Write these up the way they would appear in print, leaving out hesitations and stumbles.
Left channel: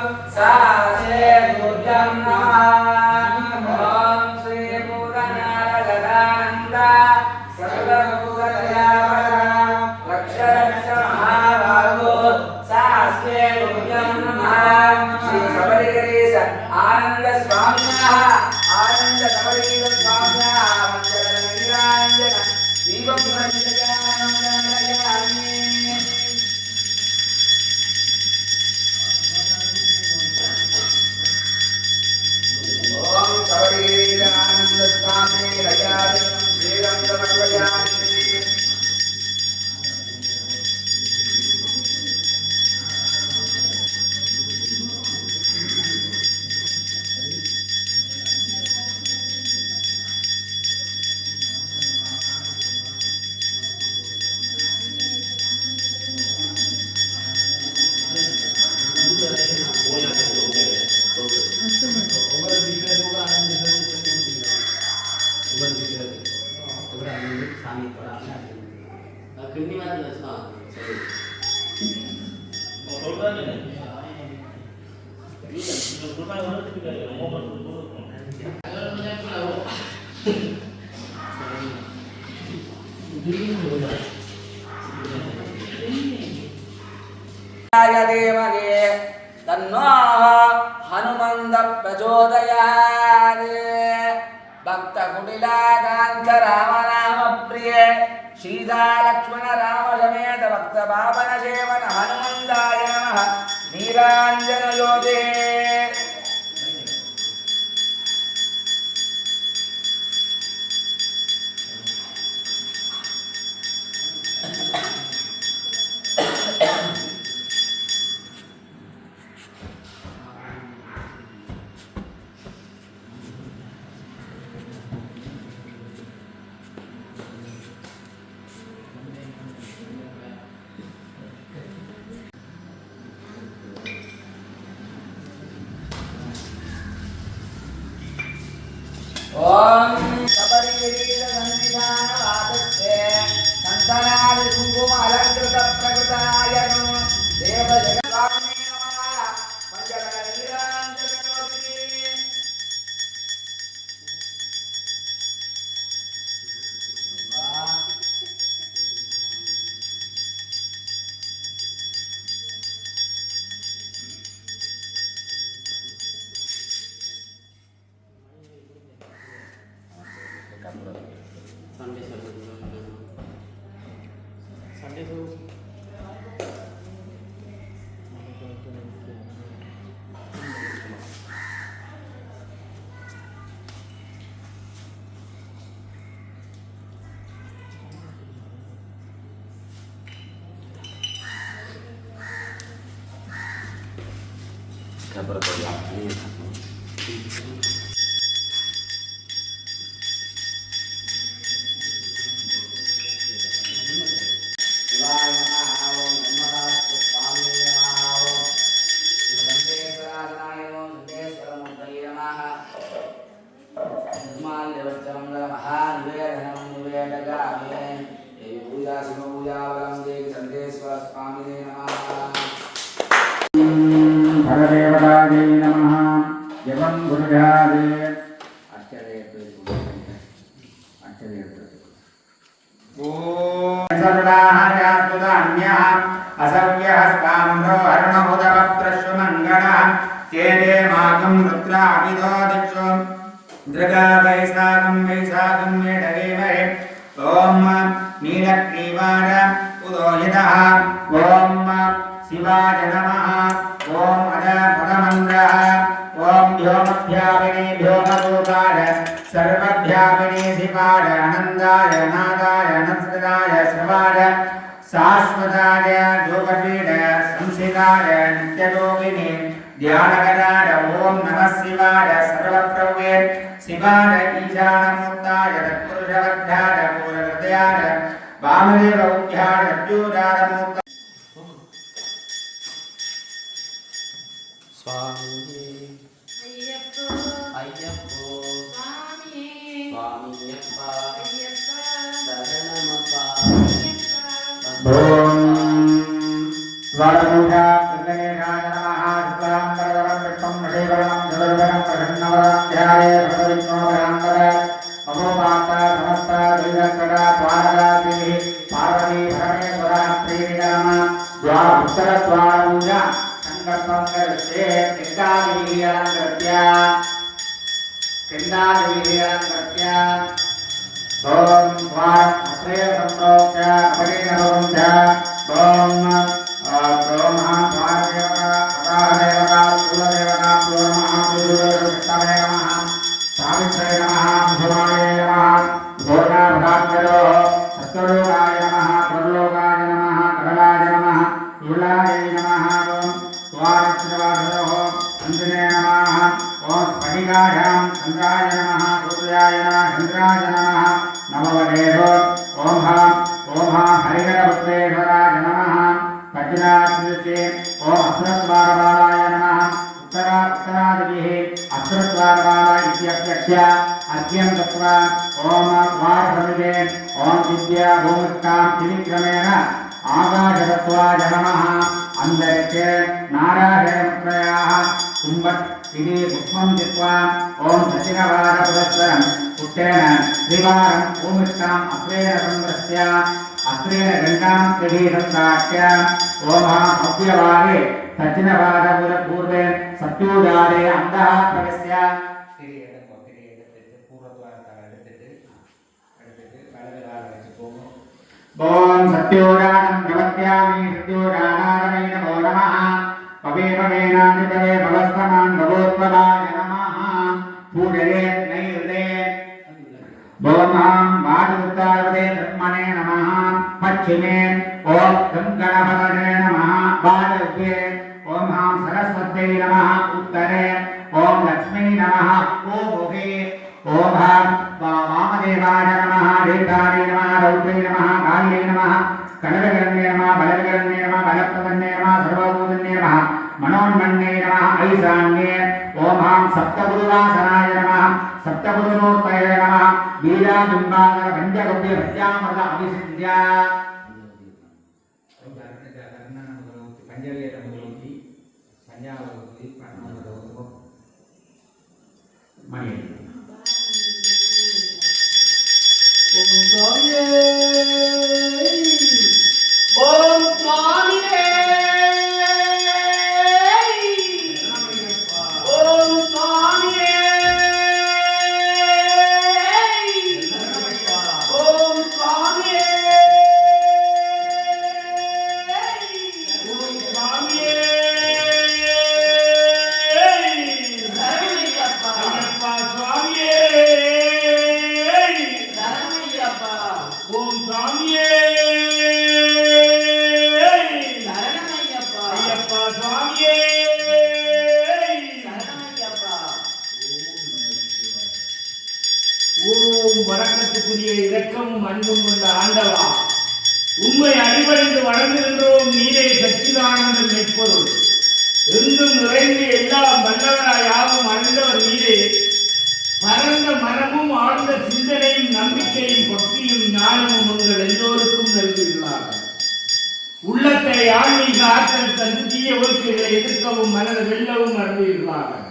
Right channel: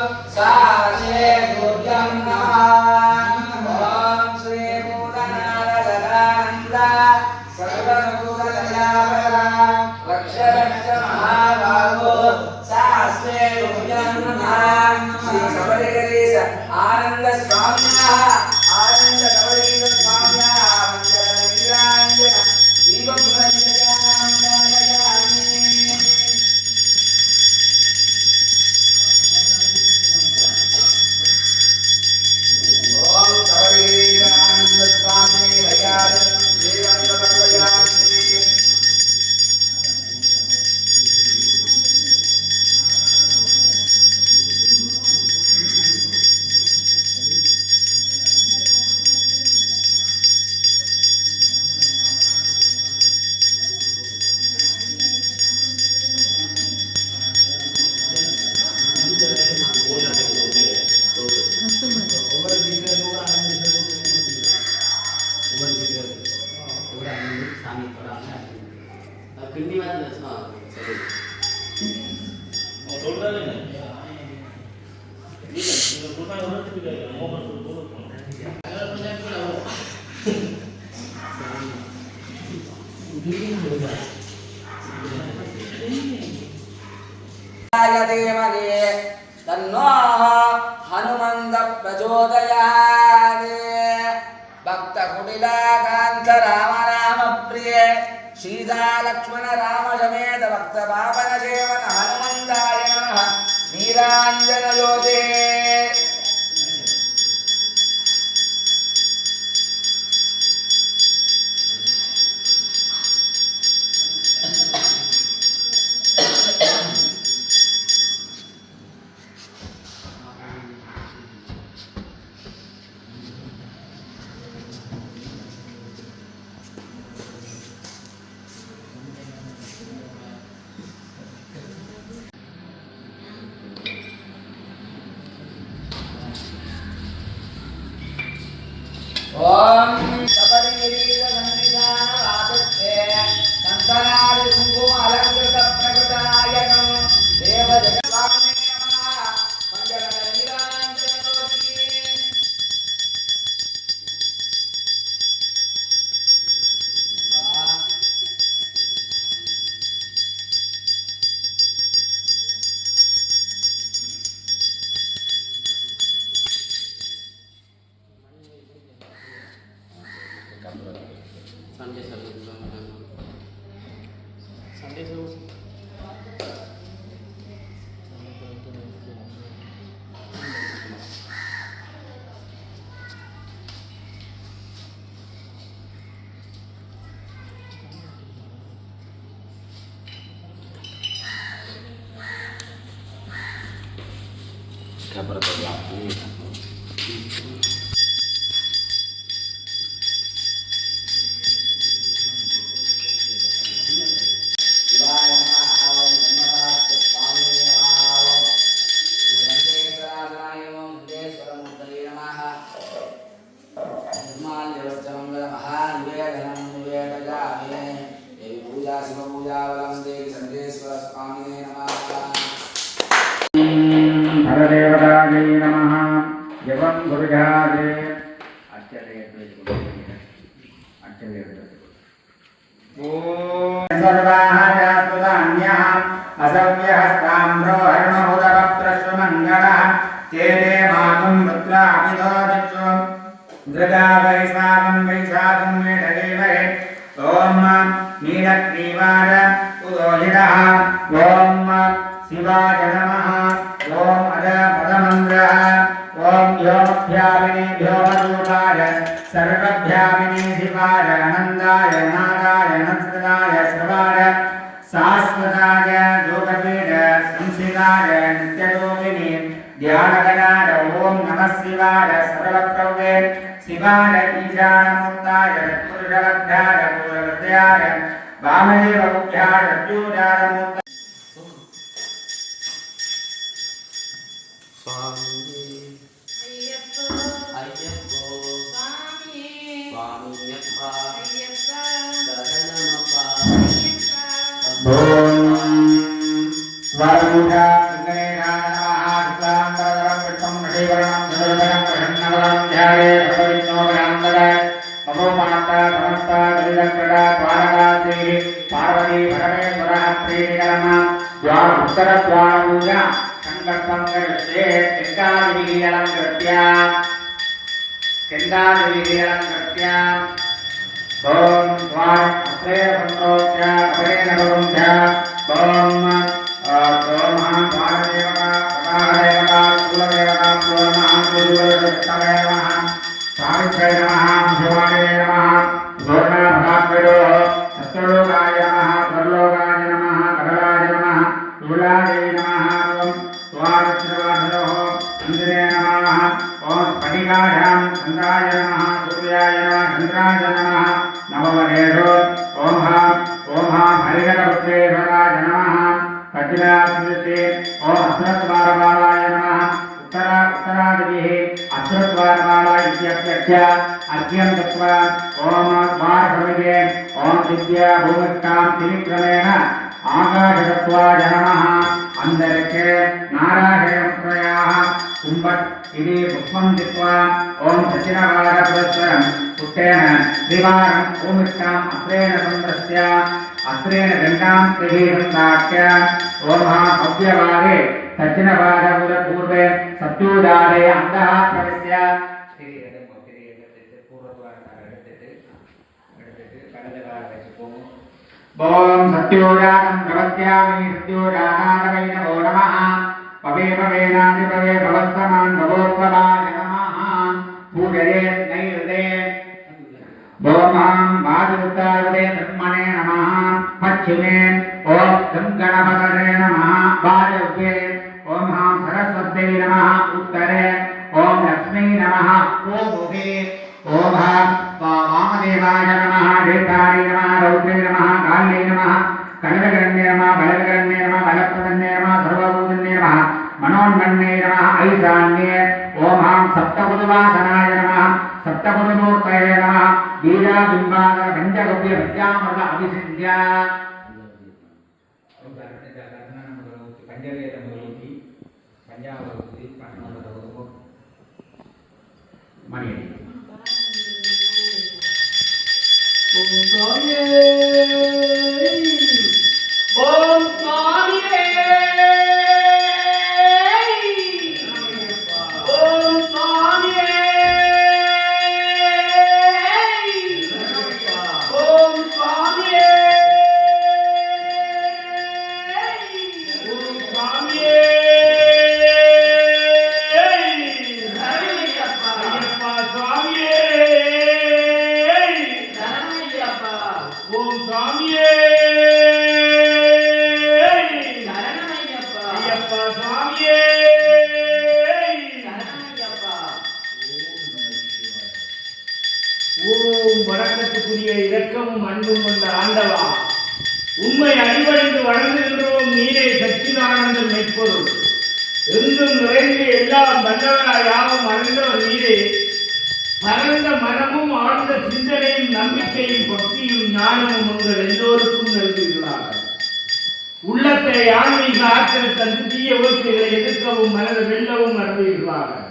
सासे दुर्गं नमः ओम श्री पूर्णनारायणानंद सर्वभूतदयावरा रक्ष रक्ष महाभागो सासे दुर्गं नमः श्री सबरीगरीश आनंद स्वामिनः आनंद सबरीगरीश स्वामिनः मंगल नीलांजन दीपं प्रज्वलयामि ओम सबरीगरीशानंद स्वामी लयाजनं श्रीरं समर्पयामि देवगे तन्नो हनुमंत प्रचोदयात् भक्त कुटिलाकांत राम राम प्रिय सीता लक्ष्मण राम समेत भक्त पावन सेवन हनुमंताय नमः नीलांजन ज्योते ओम सबरीगरीश संविधान वादस्ते संतनादि कुंकुम अलंकृत प्रकृतायकं देव जगद्वाग्ने नमः मंगल नीलांजन ज्योति हरदेवतायै नमः जपं गुरुजाते ॐ सर्वाः यास्तुतान्यः असव्यहस्ताम्रो हरणमुदकप्रश्वमङ्गलः चेते मागं रुद्राभितो दिक्षु दृगा वैशाखं मेढगेमहे ॐ नीलग्रीवाय उदोहितः ॐ शिवाय नमः ॐ अजपदमन्द्रः ॐ व्योमभ्यामिनी व्योमरूपाय सर्वभ्यामिनी शिवाय आनन्दाय नादाय नत्सदाय शिवाय शाश्वताय योगपीठ संशिकाय नित्ययोगिनी ध्यानकराय ॐ नमः शिवाय सर्वप्रभवे शिवाय ईशानमूर्ताय तत्पुरुषवद्धाय पूर्वहृदयाय वामदेवमुख्याय अद्योजाय मूर्त स्वामी अय्यप्पो स्वामी स्वामीयप्पा शरणमप्पा ओम वरमुखा गणेशाय नमः श्रीवरणं जलवरणं प्रसन्नवरं ध्याये भगवन्नोमरान्तर ममोपान्ता समस्ता दुरिदङ्कटा द्वारकाश्री पार्वती परमेश्वरः प्रीतिकर्म द्वार उत्तरद्वारपूजा सङ्कल्पं करिष्ये गङ्गादेवीयलङ्कृत्य ॐ द्वार अत्रे सम्प्रोक्ष्य अपरेण भवन्त ॐ महाद्वारदेवता पदादेवता कुलदेवता कुलमहाकुलदेवताय नमः सावित्र्यै नमः भुवाय नमः दोषाभाग्यो सत्यलोकाय नमः परलोकाय नमः करलाय नमः कुलाय नमः ॐ द्वारत्रवादयोः मन्दिरे नमः ॐ स्फटिकायां चन्द्राय नमः सूर्याय नमः चन्द्राय नमः नमवदेशो ॐ हरिहरपुत्रेश्वराय नमः वज्राद्रिते ॐ अस्त्रद्वारपालाय नमः उत्तरादिभिः अस्त्रद्वारपाला इत्यप्यस्य अर्घ्यं दत्त्वा ॐ द्वारसमिते ॐ विद्या भूमिकां त्रिविक्रमेण आकाशतत्त्वाय नमः अन्तरिक्षे नारायणमुद्रयाः कुम्भट् इति पुष्पं दत्त्वा ॐ दक्षिणवारपुरस्सरं पुष्पेण त्रिवारं भूमिकाम् अस्त्रेण संवृत्य अस्त्रेण गङ्गां त्रिभिः सन्दाट्य ॐ भव्यवारे दक्षिणवारपूर्वे सत्योजारे अन्तः प्रविश्य ॐ सत्योजातं प्रपद्यामि सत्योजानाय नमो नमः पवे पवेनादिपवे भवस्तमान् भवोत्पवाय नमः पूजये नैर्दे ॐ वादुत्ताय ब्रह्मणे नमः पश्चिमे ॐ गणपतये नमः वायव्ये ॐ सरस्वत्यै नमः उत्तरे ॐ लक्ष्मी नमः पूर्वे ॐ वामदेवाय नमः देवताय नमः रौद्रे नमः काल्ये नमः कनकगण्ये नमः बलविगण्ये नमः बलप्रदन्ये नमः सर्वभूतन्ये नमः मनोन्मन्ये नमः ऐशान्ये ॐ सप्तपुरुवासनाय नमः सप्तपुरुमूर्तये नमः बीजाबिम्बादर पञ्चगव्य विद्यामृत अभिषिद्य मणि ओम स्वामी ओम स्वामी ओम स्वामी ओम स्वामी ओम स्वामी வணக்கத்துக்குரிய இரக்கமும் அன்பும் கொண்ட ஆண்டவா, உம்மை அடிபணிந்து வணங்குகின்றோம். நீரே சச்சிதானந்த மெய்ப்பொருள், எங்கும் நிறைந்து எல்லாம் வல்லவராய் யாவும் அணிந்தவர் நீரே. பரந்த மனமும் ஆழ்ந்த சிந்தனையும் நம்பிக்கையும் பக்தியும் ஞானமும் உங்கள் எல்லோருக்கும் நல்குகிறார்கள். உள்ளத்தை ஆன்மீக ஆற்றல் தந்து தீய ஒழுக்கைகளை எதிர்க்கவும் மனதை வெல்லவும் அருள்கிறார்கள்.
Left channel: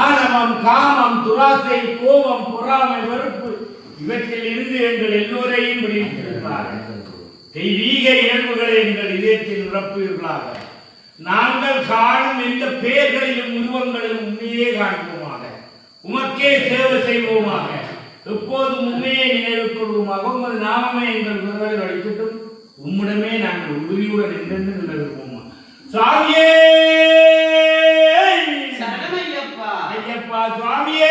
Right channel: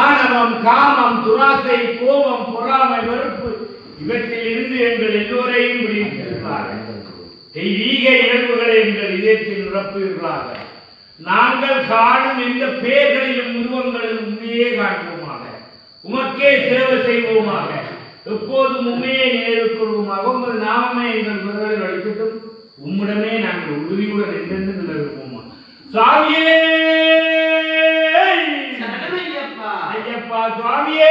ஆணவம், காமம், துராசை, கோபம், பொறாமை, வெறுப்பு இவற்றில் இருந்து எங்கள் எல்லோரையும் விடுவிக்கிறார்கள். தெய்வீக இயல்புகளை எங்கள் இதயத்தில் நிரப்புகிறார்கள். நாங்கள் காணும் எந்த பெயர்களிலும் உருவங்களிலும் உண்மையே காண்போமாக, உமக்கே சேவை செய்வோமாக, எப்போதும் உண்மையை நினைவு கொள்வோமாக. உங்கள் நாமமே எங்கள் குரலில் அளிக்கட்டும். உம்மிடமே நாங்கள் உறுதியுடன் என்றென்று நிலவுவோமா. சாமியே ஐயப்பா, சுவாமியே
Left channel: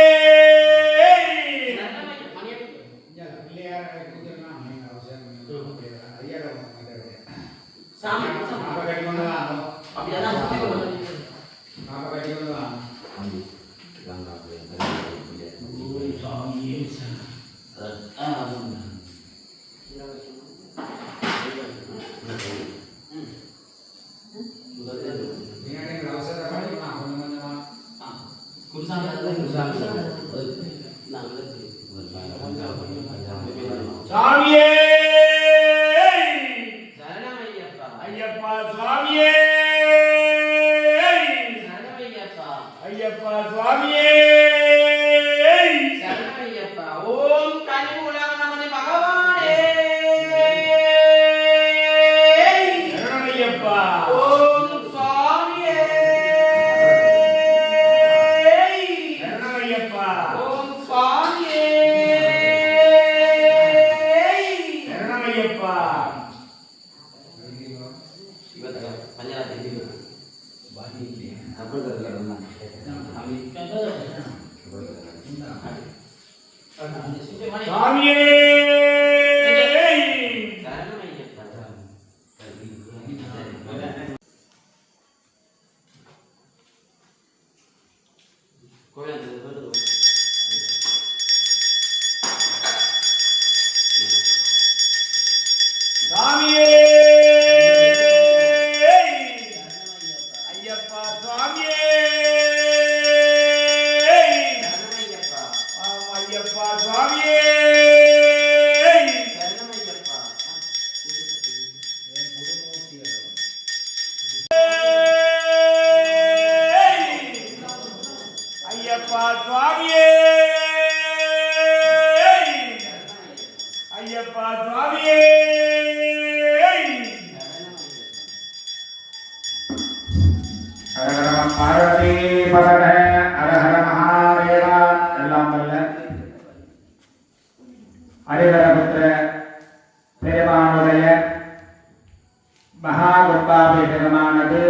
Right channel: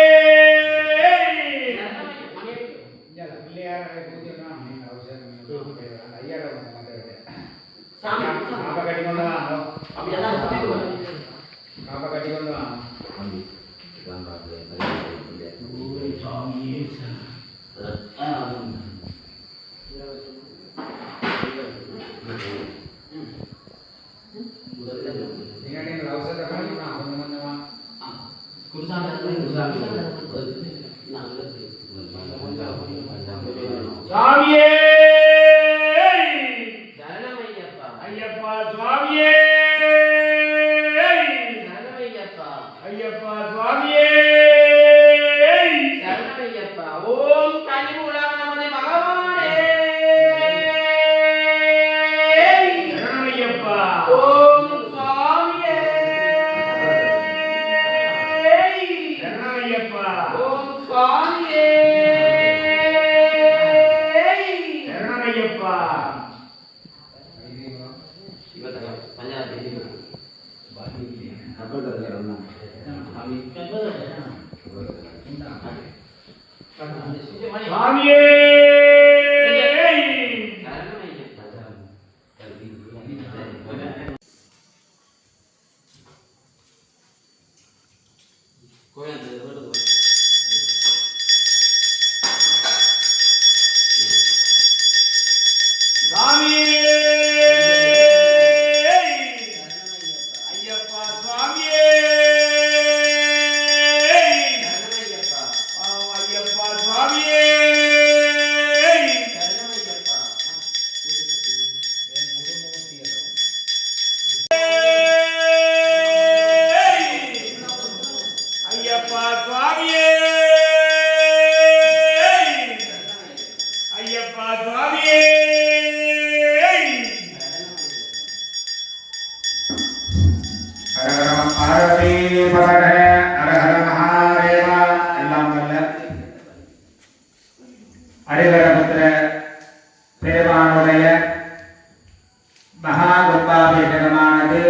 சாமியே ஐயப்பா, சுவாமியே ஐயப்பா சுவாமியே சரணமையப்பா. ஓம் கலிமுகலாக நமது பகவானே. சரணமையப்பா. ஓம் சுவாமியே. சரணமையப்பா. ஓம் சுவாமியே. சரணமையப்பா. சுவாமியே சுவாமியே ஐயப்பா சுவாமியே ஐயப்பா சுவாமியே ஐயப்பா சுவாமியே ஐயப்பா சுவாமியே ஹர ஹர பார்வதி பதகர ஹர ஹர மகாதேவா. எல்லாம் வல்ல ஹரிஹரபுத்திர பெருமானுடைய மகா கும்பாபிஷேகமானது